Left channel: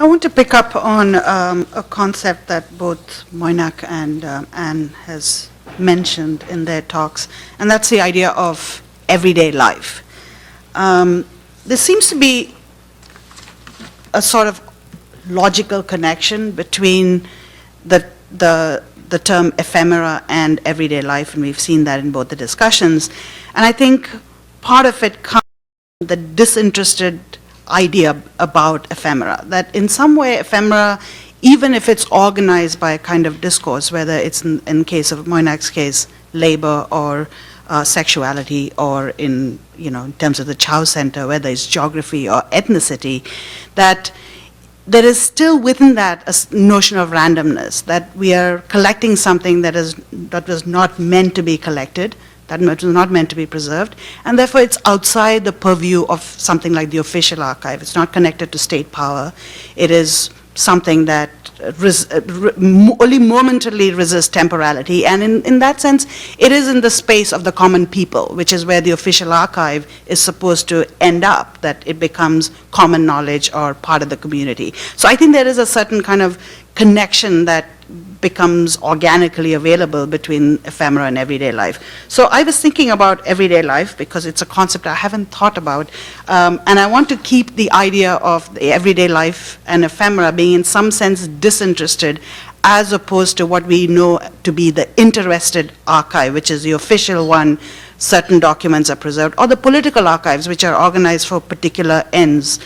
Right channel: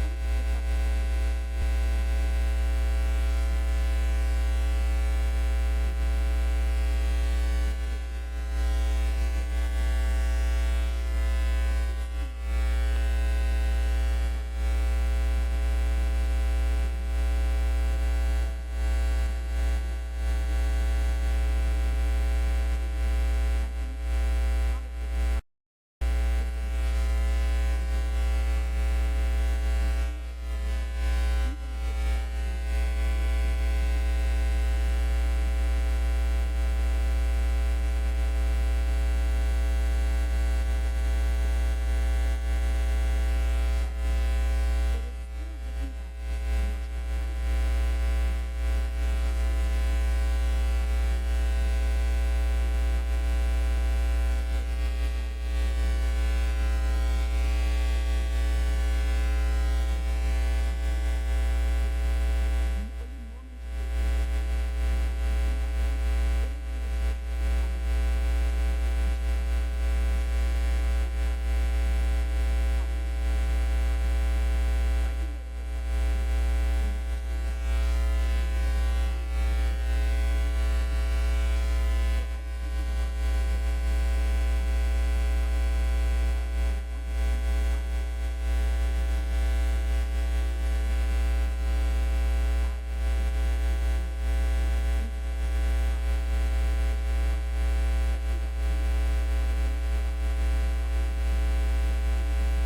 I want to pick up on a concept that both Moinak and Anne has mentioned in their talks, and that's the idea of everyday life. There seems to be a sort of logical connection between the, the term ephemera and everyday life, and we've seen that in both the discussions. And I think part of it comes from the disinterested idea about ephemera, that in some way ephemera, even if it's organized by a kind of discourse, whether it's in case of Moinak's case, labor or sexuality, or in terms of the Chow Center, whether it's geography or ethnicity, that there is still within that a notion of randomness, that we are collecting something that was not meant to be collected, that was not meant to be preserved, and therefore it's outside the purview of something like the official archive. It's not connected to state power. It is something that only momentarily resists temporality, and in that sense, it is in the space of the common people, which is where the official archive is supposed to end up, that it becomes common knowledge or part of the community. So I think there is a certain kind of connection that becomes organically available between ephemera and everyday life. So I was thinking about everyday life because it's a concept I haven't thought about, and I want to keep the idea of the everyday life and ephemera being in some sense disinterested, as opposed to what we know to be the interested archive, which is the official one. Certain documents are preserved, or the political archives, which are organized for particular ends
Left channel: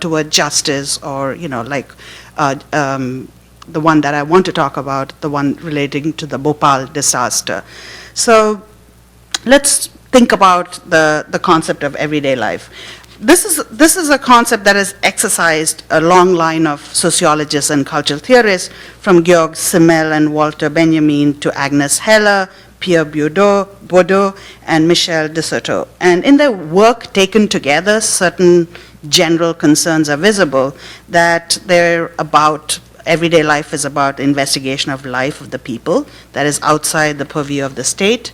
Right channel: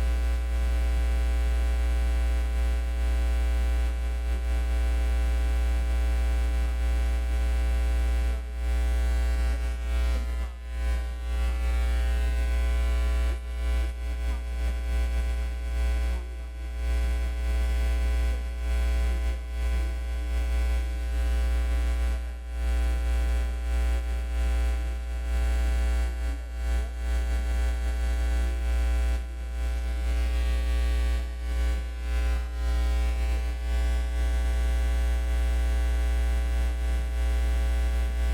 toward justice, or the one that I want to talk about, the one relating to the Bhopal disaster. So let's think about the concept of everyday life. This is a concept that has exercised a long line of sociologists and cultural theorists, from Georg Simmel and Walter Benjamin to Agnes Heller, Pierre Bourdieu, and Michel de Certeau. And in their work taken together, certain general concerns are visible, that they're about everyday life is about the investigation of life of the people that is outside the purview of the state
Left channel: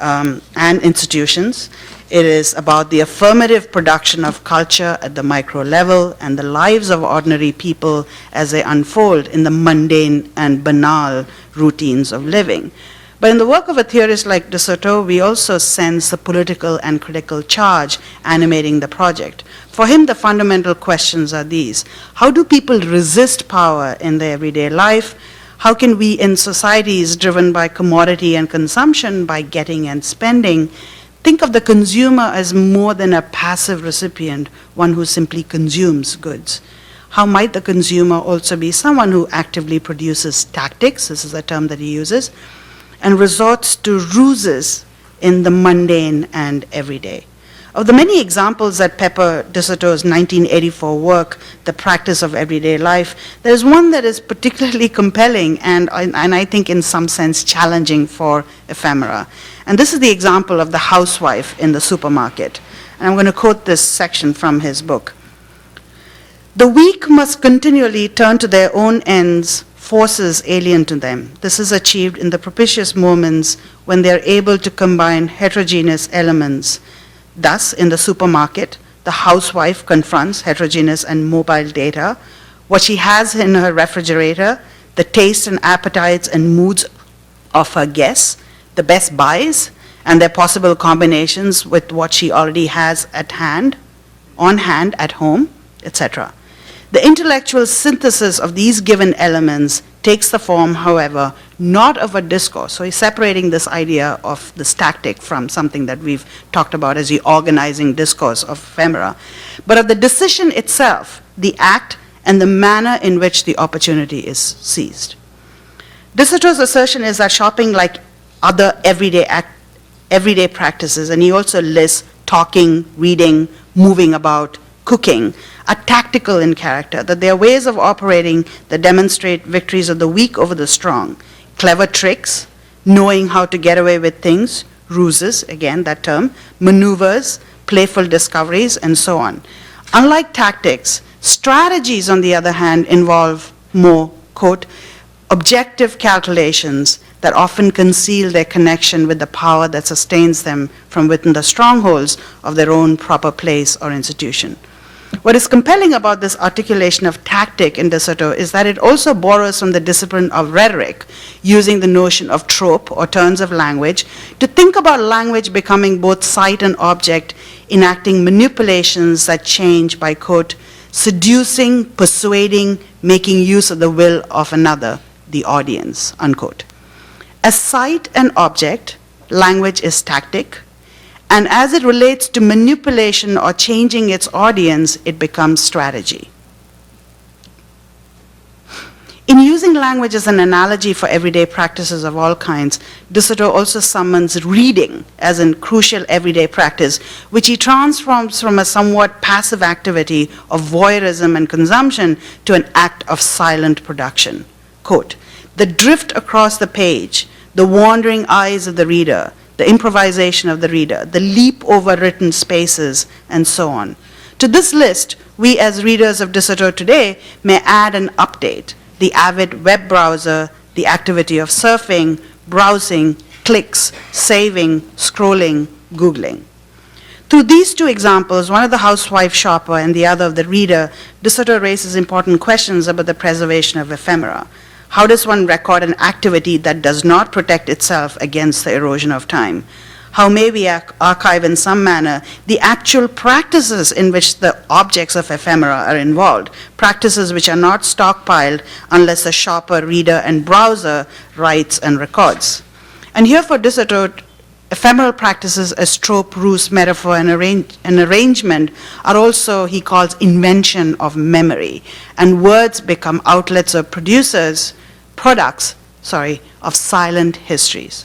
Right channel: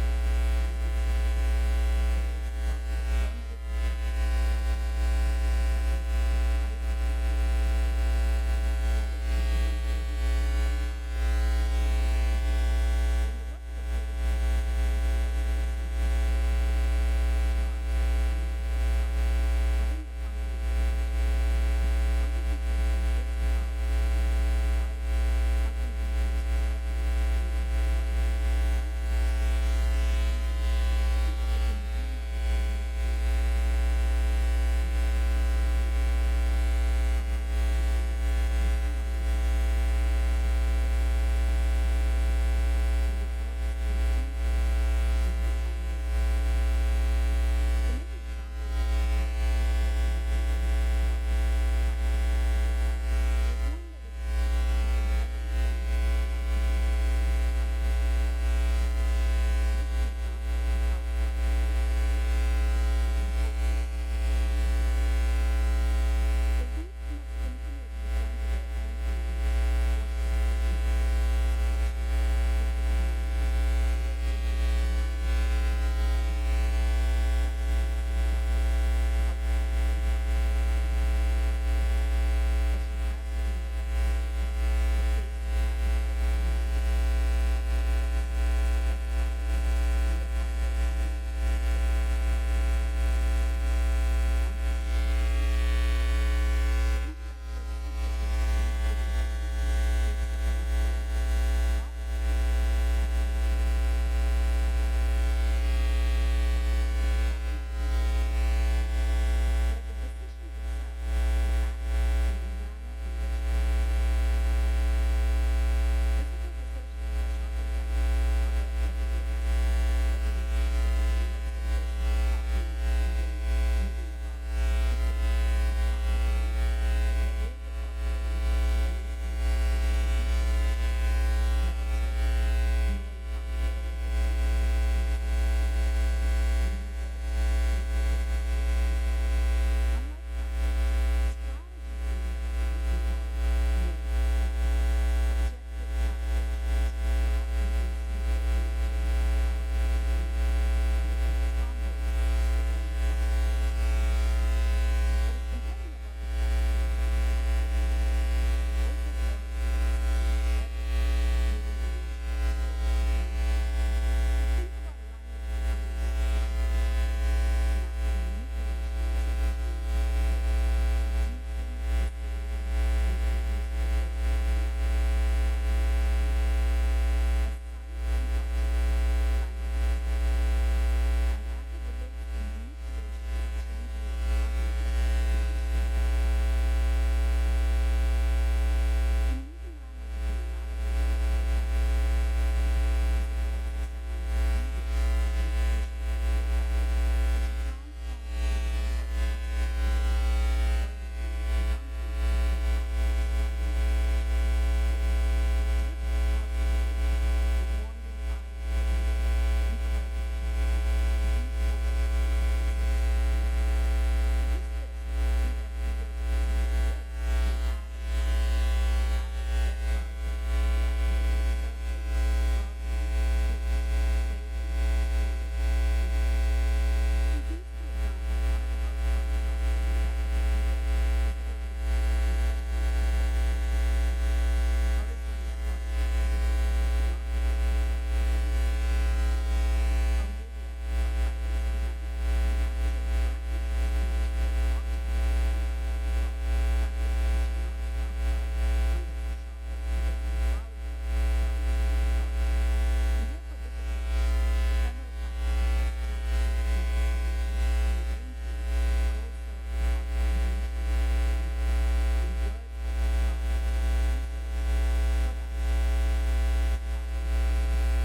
and institutions. It is about the affirmative production of culture at the micro level and the lives of ordinary people as they unfold in the mundane and banal routines of living. But in the work of a theorist like de Certeau, we also sense the political and critical charge animating the project. For him, the fundamental questions are these: how do people resist power in their everyday life? How can we, in societies driven by commodity and consumption, by getting and spending, think of the consumer as more than a passive recipient, one who simply consumes goods? How might the consumer also be someone who actively produces tactics, this is a term that he uses, and resorts to ruses in the mundane and everyday? Of the many examples that pepper de Certeau's 1984 work, The Practice of Everyday Life, there's one that is particularly compelling and I think in some sense challenging for ephemera. And this is the example of the housewife in the supermarket. And I'm going to quote this section from his book. "The weak must continually turn to their own ends, forces alien to them. This is achieved in the propitious moments when they are able to combine heterogeneous elements. Thus, in the supermarket, the housewife confronts heterogeneous and mobile data, what she has in her refrigerator, the tastes and appetites and moods of her guests, the best buys, and their possible combinations with what she already has on hand at home, etc. The intellectual synthesis of these given elements takes the form, however, not of a discourse." So he's separating this idea of this tactic from something that we've talked about as the organizing discourse of ephemera, but of the decision itself, the act, and the manner in which the opportunity is seized. De Certeau's assertion is that shopping, like other everyday practices, and he also lists talking, reading, moving about, cooking, are tactical in character, that they are ways of operating that demonstrate victories of the weak over the strong, clever tricks, knowing how to get away with things, ruses, again that term, maneuvers, playful discoveries, and so on. Unlike tactics, strategies, on the other hand, involve more, quote, objective calculations that often conceal their connection with the power that sustains them from within the strongholds of their own proper place or institution. What is compelling about this articulation of tactic in De Soto is that it also borrows from the discipline of rhetoric, using the notion of trope or turns of language to think about language becoming both site and object, enacting manipulations that change by, quote, seducing, persuading, making use of the will of another, the audience, unquote. As site and object, language is tactic, and as it relates to manipulation or changing its audience, it becomes strategy. In using language as an analogy for everyday practices of all kinds, De Soto also summons reading as a crucial everyday practice, which he transforms from a somewhat passive activity of voyeurism and consumption to an act of silent production. Quote, the drift across the page, the wandering eyes of the reader, the improvisation of the reader, the leap over written spaces, and so on. To this list, we as readers of De Soto today may add an update: the avid web browser, the activity of surfing, browsing, clicks, saving, scrolling, Googling. Through these two examples, one of the housewife shopper and the other of the reader, De Soto raises important questions about the preservation of ephemera. How does one record an activity that does not protect itself against the erosion of time? How may we archive in some manner the actual practices in which the objects of ephemera are involved, practices which are not stockpiled unless the shopper, reader, and browser writes and records? And here for De Soto, ephemeral practices as trope, ruse, metaphor, and arrangement are also, he calls, invention of memory, and words become outlets of products of silent histories.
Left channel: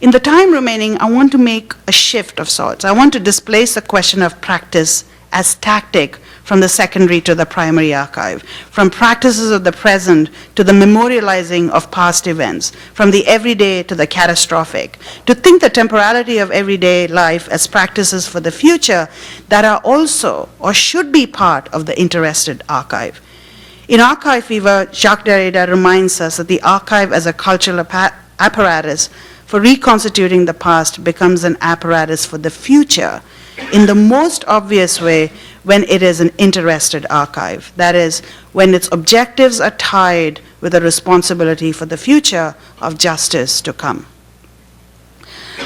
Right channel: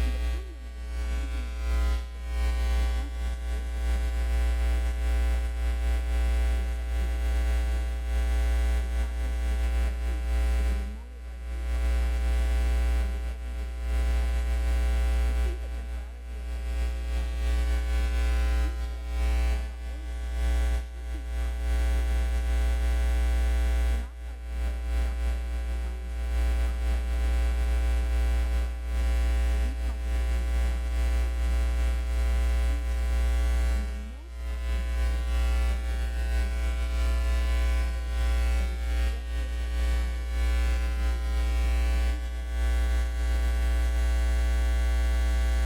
In the time remaining, I want to make a shift of sorts. I want to displace the question of practice as tactic from the secondary to the primary archive, from practices of the present to the memorializing of past events, from the everyday to the catastrophic, to think the temporality of everyday life as practices for the future that are also or should be part of the interested archive. In Archive Fever, Jacques Derrida reminds us that the archive as a cultural apparatus for reconstituting the past becomes an apparatus for the future in the most obvious way when it is an interested archive. That is, when its objectives are tied with a responsibility for the future of justice to come.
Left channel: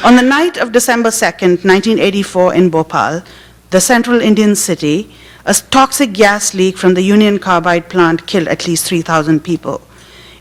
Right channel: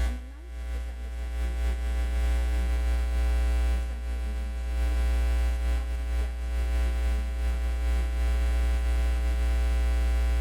On the night of December 2nd, 1984 in Bhopal, the central Indian city, a toxic gas leak from the Union Carbide plant killed at least 3,000 people.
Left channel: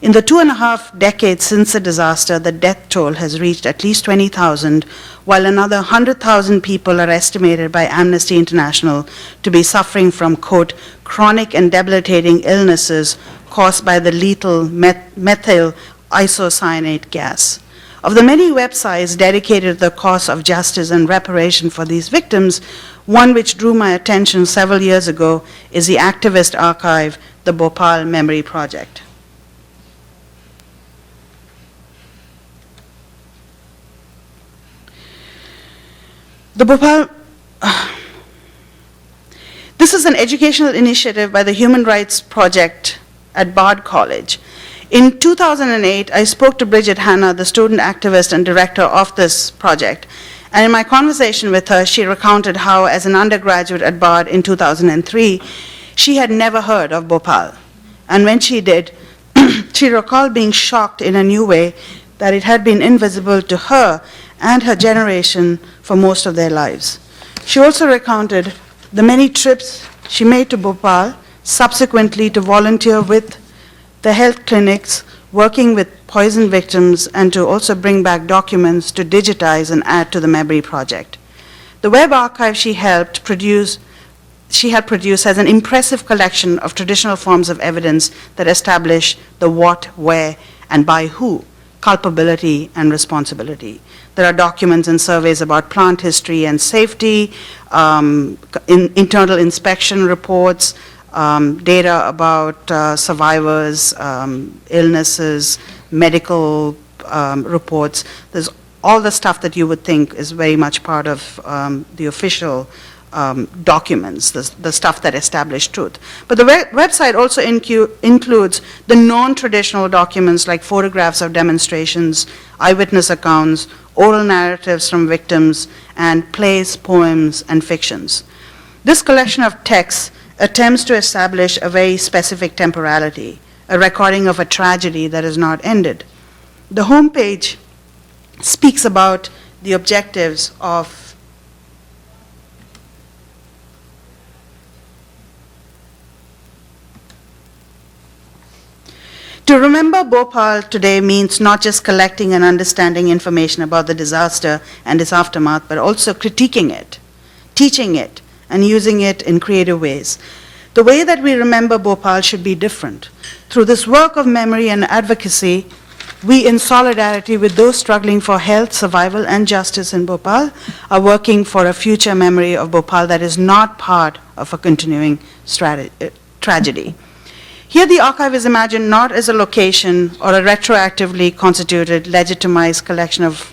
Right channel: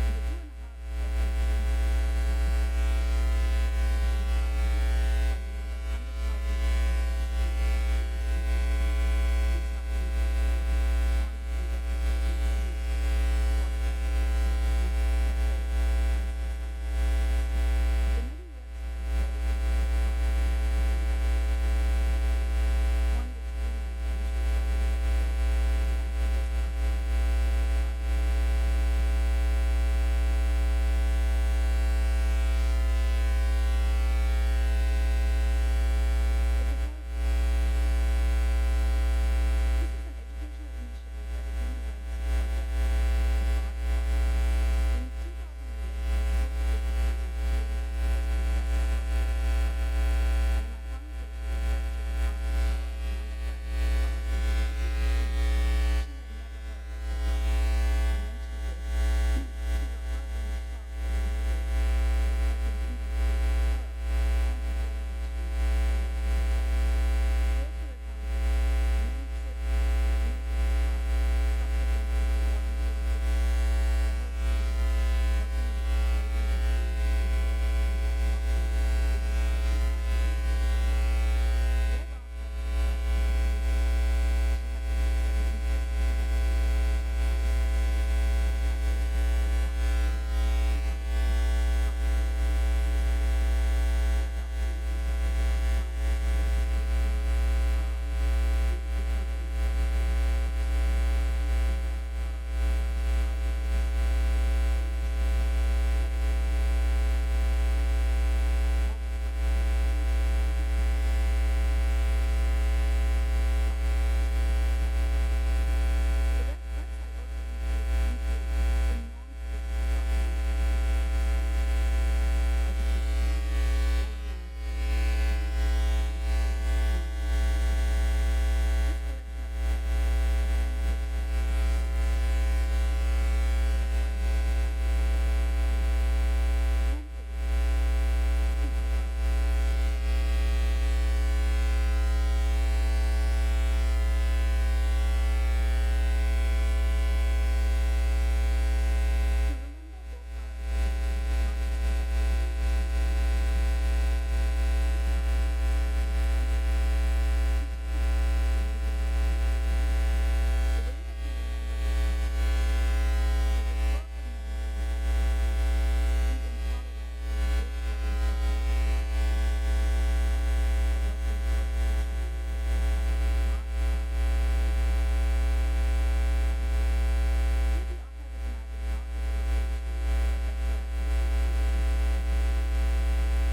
In the 2.5 decades since the disaster, the death toll has reached at least 20,000, while another 100,000 people are estimated by Amnesty International to be suffering from, quote, chronic and debilitating illnesses caused by the lethal methyl isocyanate gas. Of the many websites dedicated to the cause of justice and reparation for these victims, one which drew my attention several years ago is the activist archive, the Bhopal Memory Project. The Bhopal, this is an educational initiative by the Human Rights Project at Bard College. In 2008, I spoke to Bridget Hanna, the student activist and director of this project. And in my conversation with her, she recounted how, as an undergraduate at Bard in 2003, she had never heard of Bhopal. And when she did, she recalled being shocked in a new way that it had been invisible to her and her generation for most of their lives. She also recounted the many trips she made to Bhopal, subsequently to volunteer with the health clinics, working with poison victims, and to also bring back documents to digitize and add to the memory project. The web archive she helped produce has an impressive collection of traditional forms of evidence that establish the what, where, and by who, culpability and responsibility. There are documents and surveys about plant history and safety, internal inspection reports, data about survivors, illnesses, medical reports. There's all the stuff that you would think is very much part of the official documents, the stuff that establish truth. But the website also includes the non-traditional documents like photographs of demonstrations, eyewitness accounts, oral narratives from victims, and plays, poems, and fictions. This collection of texts attempts to establish a very specific temporality, a recording of a tragedy that is not ended. The homepage speaks about the objectives of To remember Bhopal today means not just collecting and understanding information about the disaster and its aftermath, but also critiquing it, teaching it, and using it in creative ways. The way that we remember Bhopal should be different. Through this work of memory and advocacy, we, in solidarity with those struggling for health, survival, and justice in Bhopal, are working for a future memory of Bhopal that is not part of a continuing tragedy. Here the archive is imagined not as a location or a retroactively constituted, legitimized collection of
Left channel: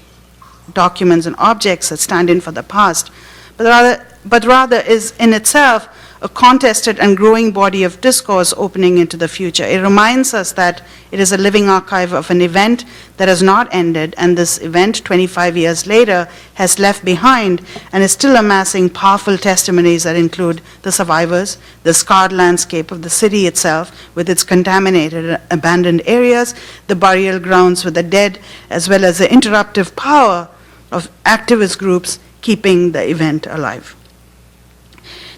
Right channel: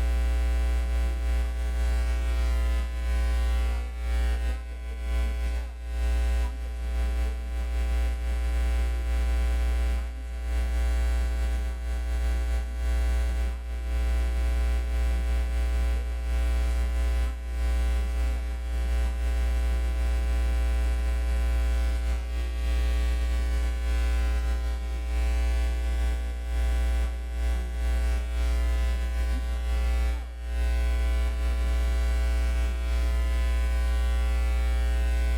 documents and objects that stand in for the past, but rather is in itself a contested and growing body of discourse opening into the future. It reminds us that it is a living archive of an event that has not ended, and this event, 25 years later, has left behind and is still amassing powerful testimonies that include the survivors, the scarred landscape of the city itself with its contaminated, abandoned areas, the burial grounds with the dead, as well as the interruptive power of activist groups keeping the event alive.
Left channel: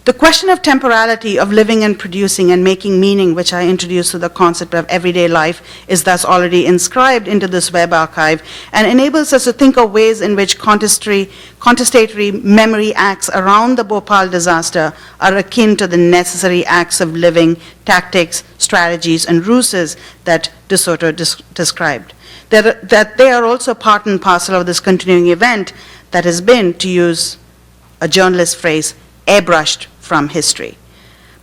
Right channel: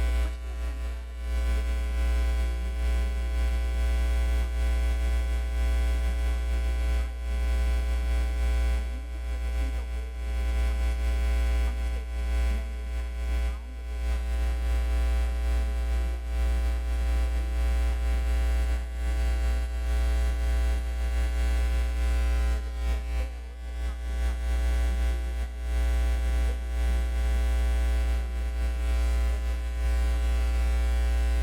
The question of temporality, of living and producing and making meaning, which I introduced to the concept of everyday life, is thus already inscribed into this web archive and enables us to think of ways in which contestatory memory acts around the Bhopal disaster are akin to the necessary acts of living, tactics, strategies, and ruses that De Soto described. That they are also part and parcel of this continuing event that has been, to use a journalist phrase, airbrushed from history.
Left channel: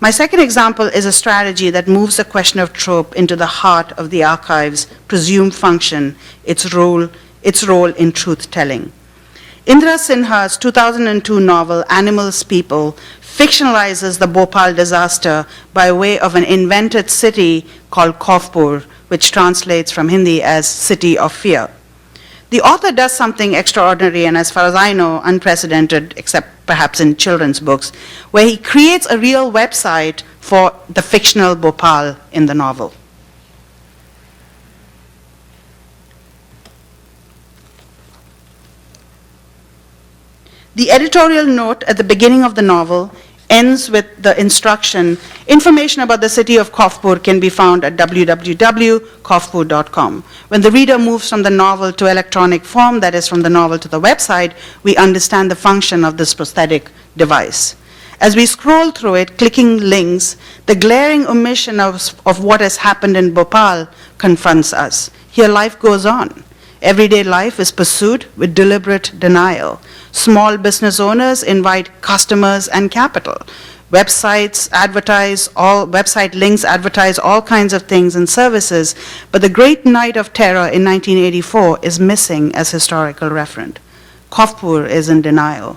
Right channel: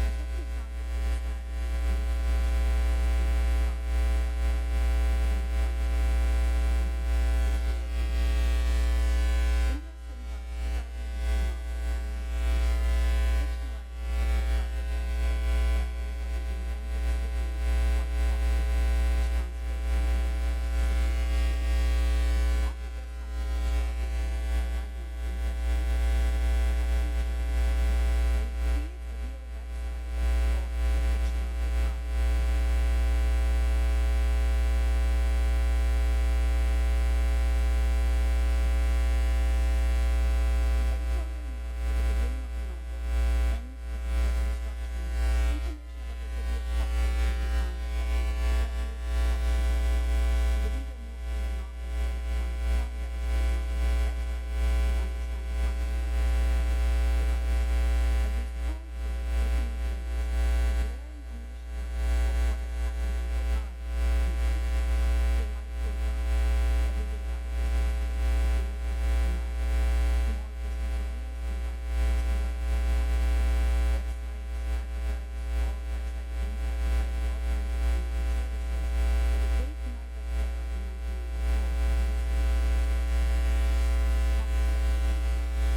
My second example is a strategy that moves the question of trope into the heart of the archive's presumed function, its role in truth-telling. Indra Sinha's 2002 novel, Animals People, fictionalizes the Bhopal disaster by way of an invented city called Kaufpur, which translates from Hindi as City of Fear. The author does something extraordinary and, as far as I know, unprecedented, except perhaps in children's books, where he creates a real website for the fictional Bhopal in the novel. The editorial note at the beginning of the novel ends with the instruction, information about the city of Kaufpur can be found at www.kaufpur.com. When the reader moves from the novel to electronic form, that is from the novel to the website, we understand the function of this prosthetic device. As we scroll through it, clicking links, the glaring omission of what has happened in Bhopal confronts us. Here life goes on. Everyday life is pursued with deliberate denial. Small business owners invite customers and capital. Website links advertise all kinds of things and services, but the great night of terror in 1984 is missing as historical referent. Kaufpur is in denial.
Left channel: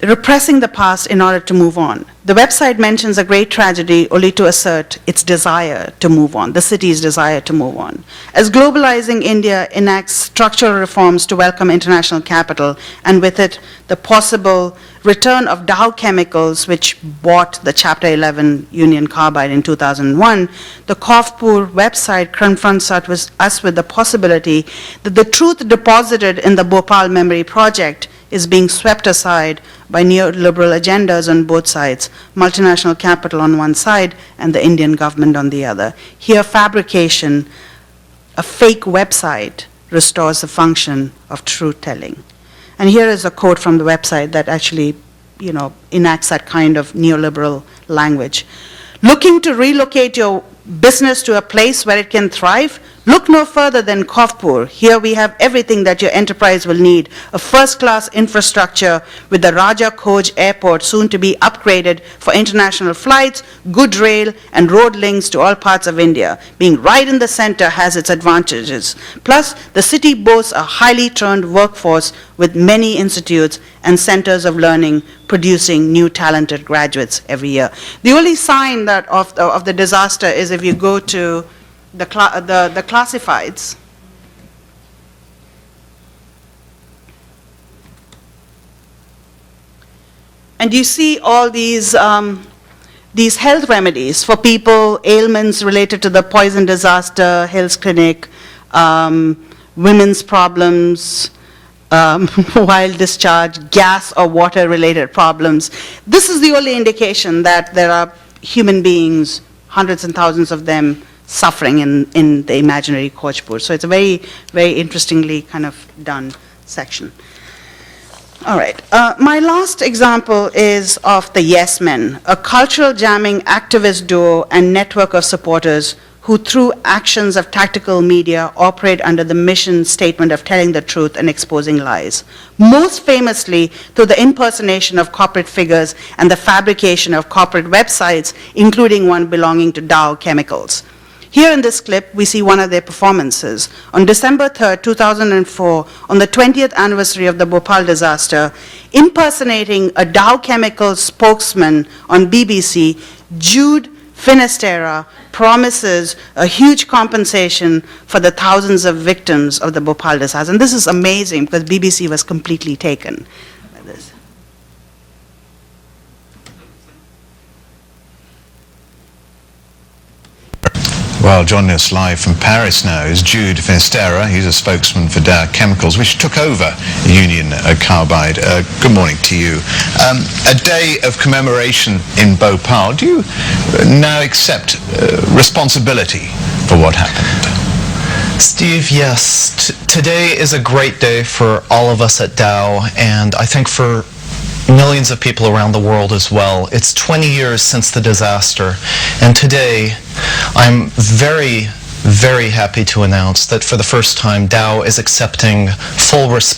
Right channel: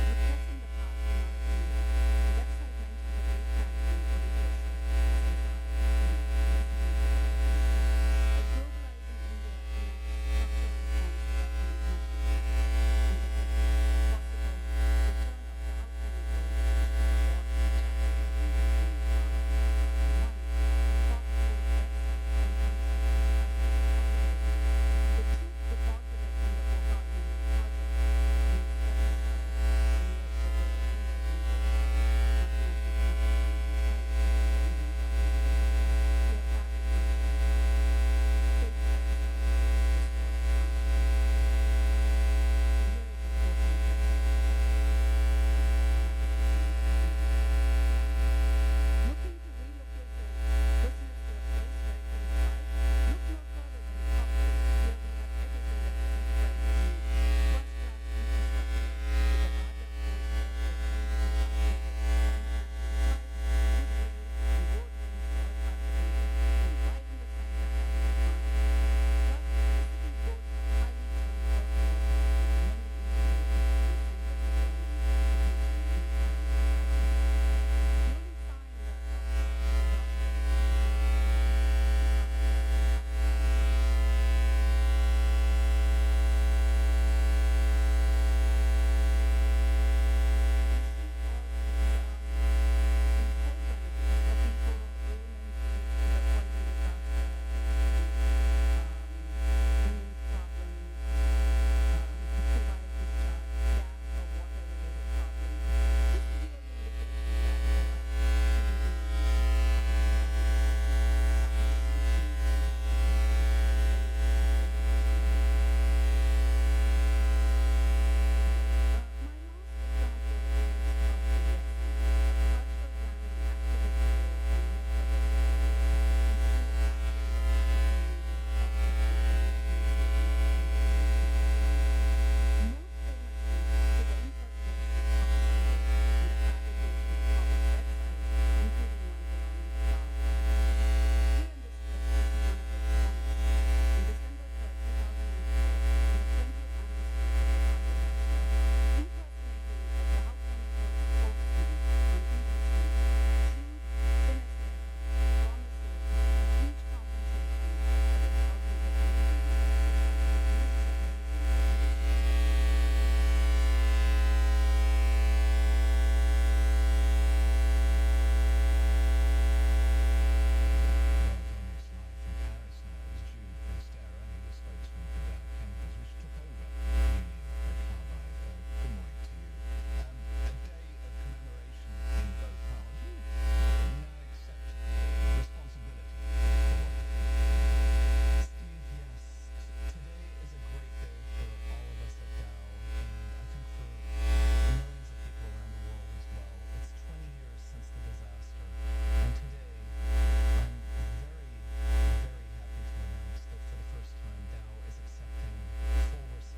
Repressing the past in order to move on. The website mentions a great tragedy only to assert its desire to move on, the city's desire to move on. As globalizing India enacts structural reforms to welcome international capital, and with it the possible return of Dow Chemicals, which bought the Chapter 11 Union Carbide in 2001, the Kaufpur website confronts us with the possibility that the truth deposited in the Bhopal Memory Project is being swept aside by neoliberal agendas on both sides, multinational capital on one side and the Indian government on the other. Here, fabrication, a fake website, restores the function of truth-telling. And here is a quote from the website that actually, enacts that kind of neoliberal language. Looking to relocate your business to a place where it can thrive? Look no further than Kaufpur. Here we have everything that your enterprise will need. A first-class infrastructure with the Raja Khoj Airport soon to be upgraded for international flights, good rail and road links to all parts of India. Being right in the center has its advantages. Plus, the city boasts a highly trained workforce with many institutes and centers of learning producing new talented graduates every year. The only sign that of the disaster is if you go to the classifieds. And you see all these health remedies for people, ailments related to the poison disaster, Hill's Clinic, women's problems, wild discharge, gas or water related problems. This is the only indication that there are human beings, hundreds and thousands of them, suffering in the imaginary Khochpur. So it's a very, very interestingly kind of done section. All right. My last example is of the Yes Men, a cultural jamming activist duo and network of supporters who, through actions of tactical media, operate under the mission statement of telling the truth and exposing lies. Most famously through the impersonation of corporate figures and the fabrication of corporate websites, including one belonging to Dow Chemicals. Here in this clip, we see one of their performances. On December 3rd, 2004, on the 20th anniversary of the Bhopal disaster, impersonating a Dow Chemicals spokesman on BBC, Jude Finisterra promises a huge compensation for the thousands of victims of the Bhopal disaster. And this is amazing because BBC was completely taken. Well, joining us live from Paris now is Jude Finisterra. He's a spokesman for Dow Chemicals, which took over Union Carbide. Good morning to you. A day of commemoration in Bhopal. Do you now accept responsibility for what happened? Steve, yes. Today is a great day for all of us at Dow, and I think for millions of people around the world as well. It's 20 years since the disaster, and today I'm very, very happy to announce that for the first time Dow is accepting full responsibility